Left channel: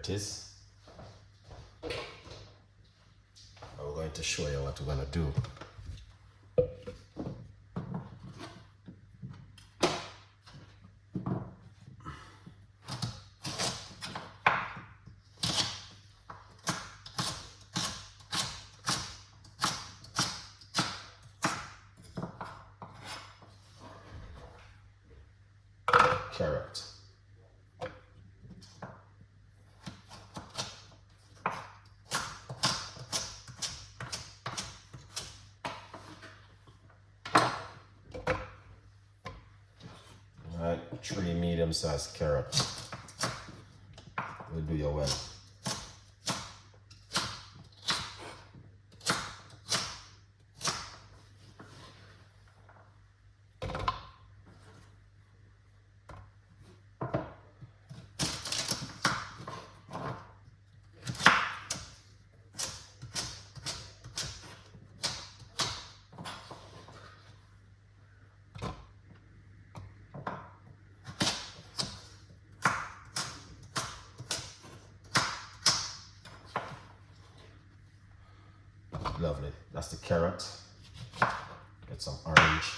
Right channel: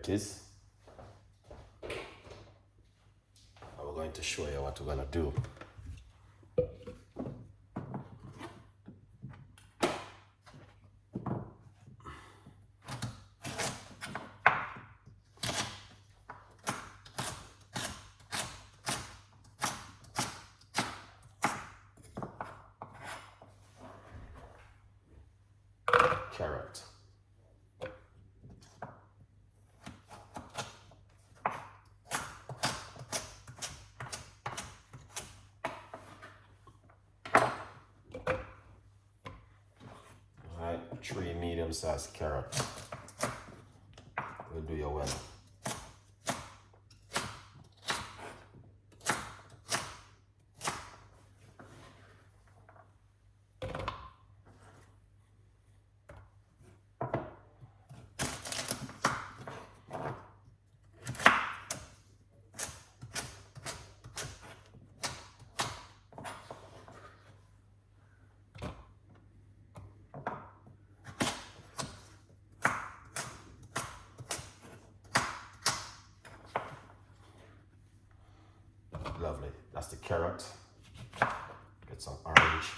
it is. I'm going to show you what we're going to do. Carrot. Alright, 3 medium-sized carrots. We'll do your well. Lovely. That's the carrot. Get some orange.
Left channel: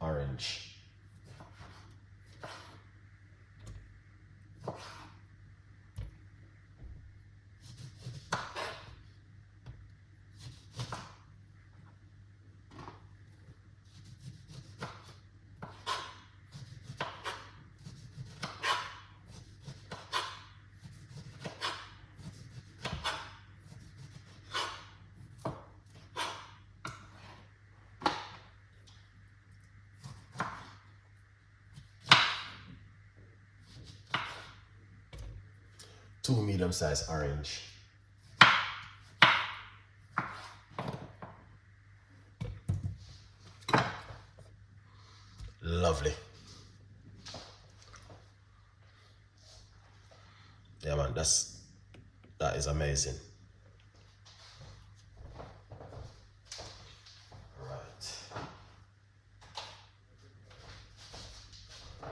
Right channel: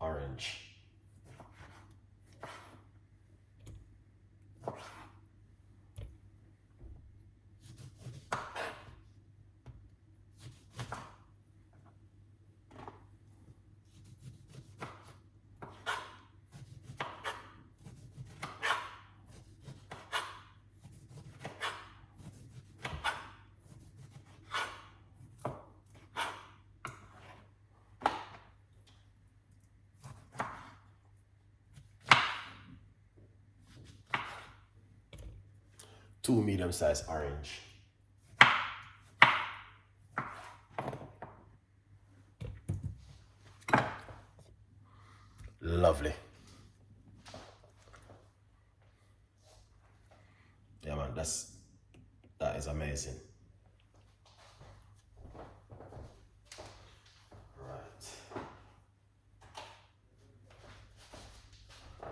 Orange. Two medium-sized orange. Lovely. Yeah, man, that is amazing. Right.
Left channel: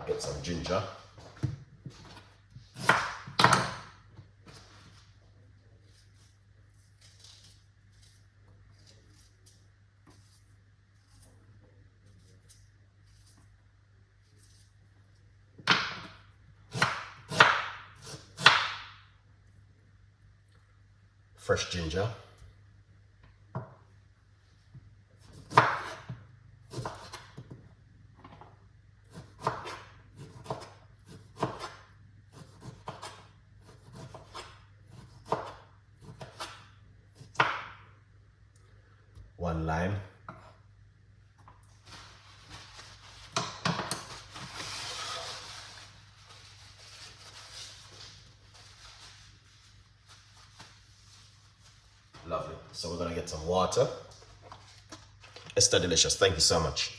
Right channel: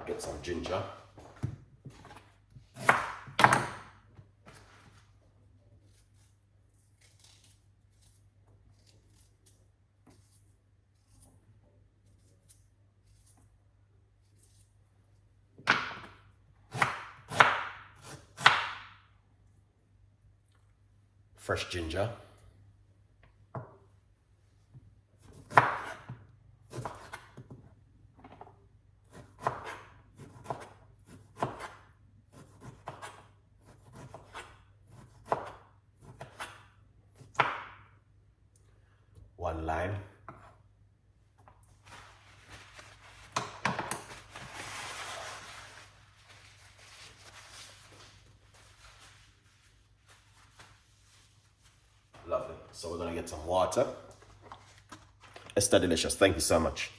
Get some ginger. Fresh ginger. One lime. Lovely. So we're gonna get some water. Esther Delicious, thank you so much.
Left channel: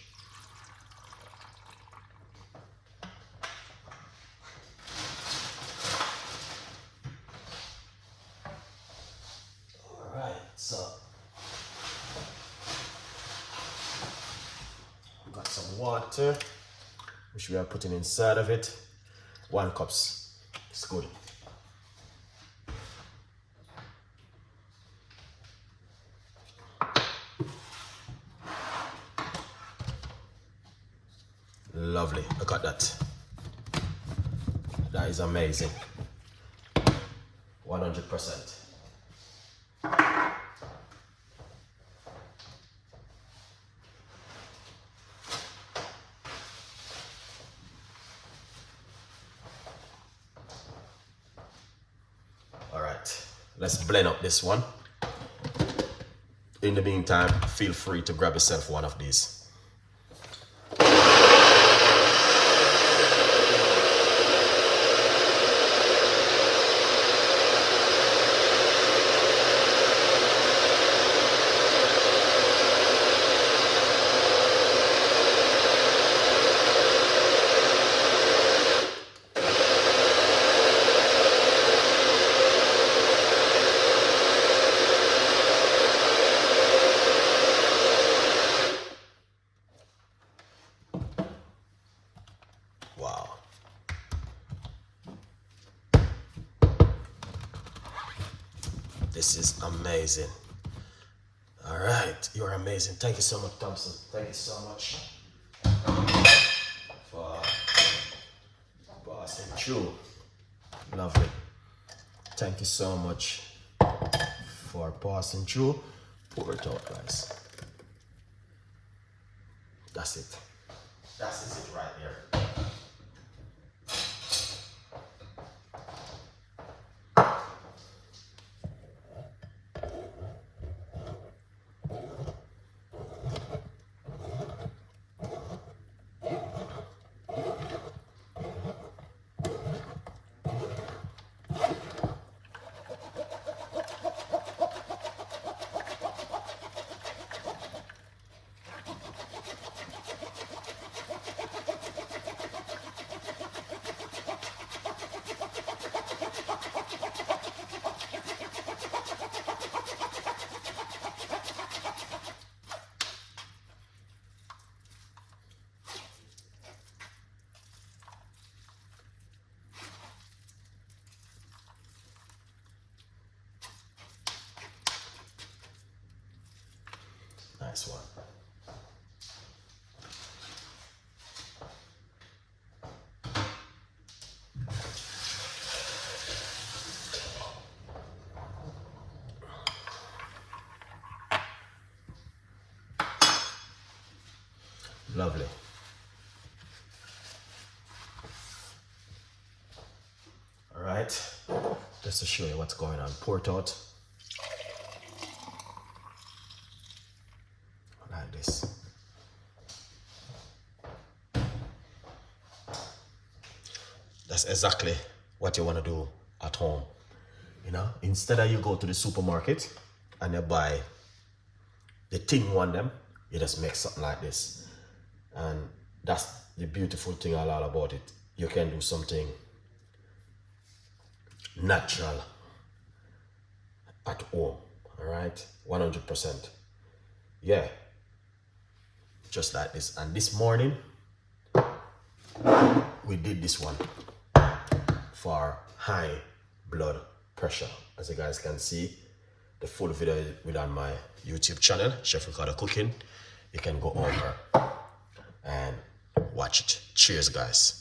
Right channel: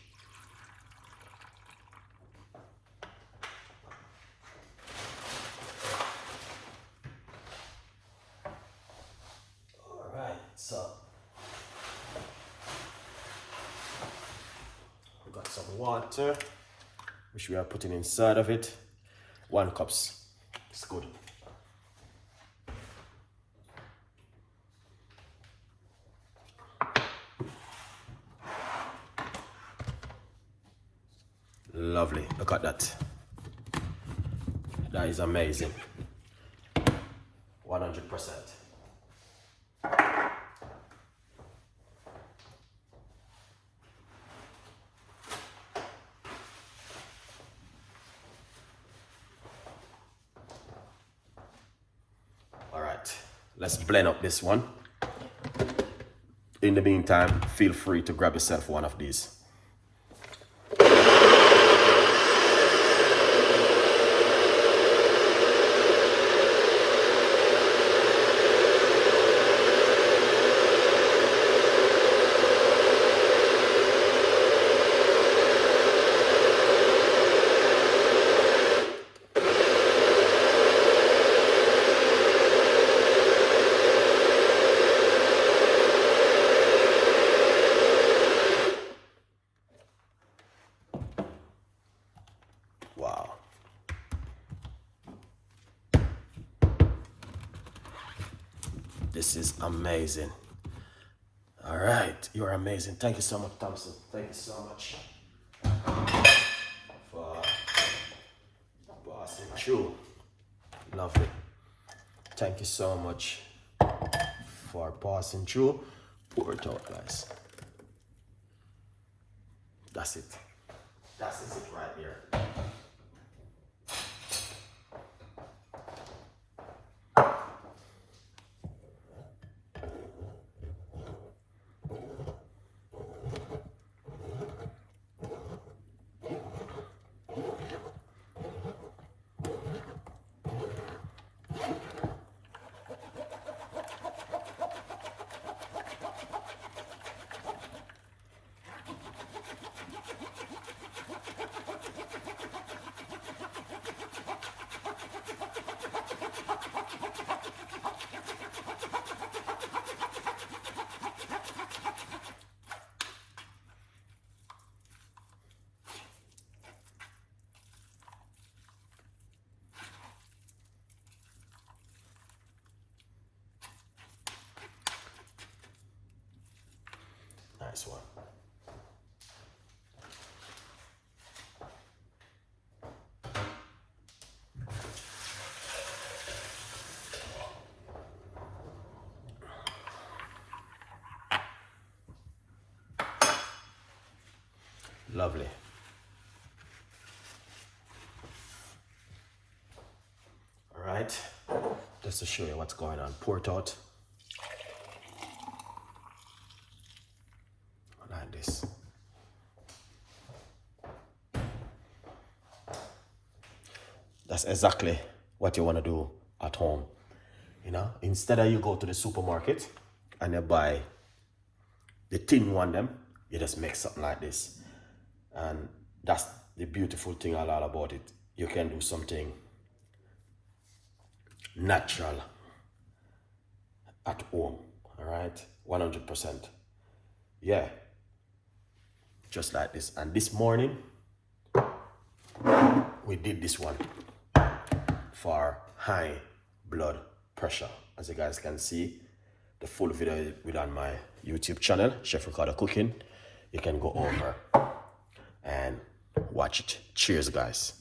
All right, so we've got some water, which we are putting inside of it. 1 cup. It's good. Lovely, look at that. That is amazing. 100%. All right, let's blend up this one. In the meantime, feel free to grab yourself one of these. This is amazing. All right, you're amazing. Thank you so much, Thompson. Thank you so much for passing through. Lovely. Thank you so much for passing through. Pour it out, guys. That's it. That's it right there. Nice one. Lovely. All right, just to show you what's going on. Pour it out. Like this. That's exactly what you want to do at home. You know, instead of you go to the supermarket and you buy the tin one them, you just make something like this. And that's the beautiful thing a lot about it. You can do something natural at home, all right? 100%. Yeah, just like this. And this morning, we did this one for high blood pressure. As you guys can see, the full video is on my YouTube channel, Chef Ricardo Cooking. You can go over and watch it. Cheers, guys.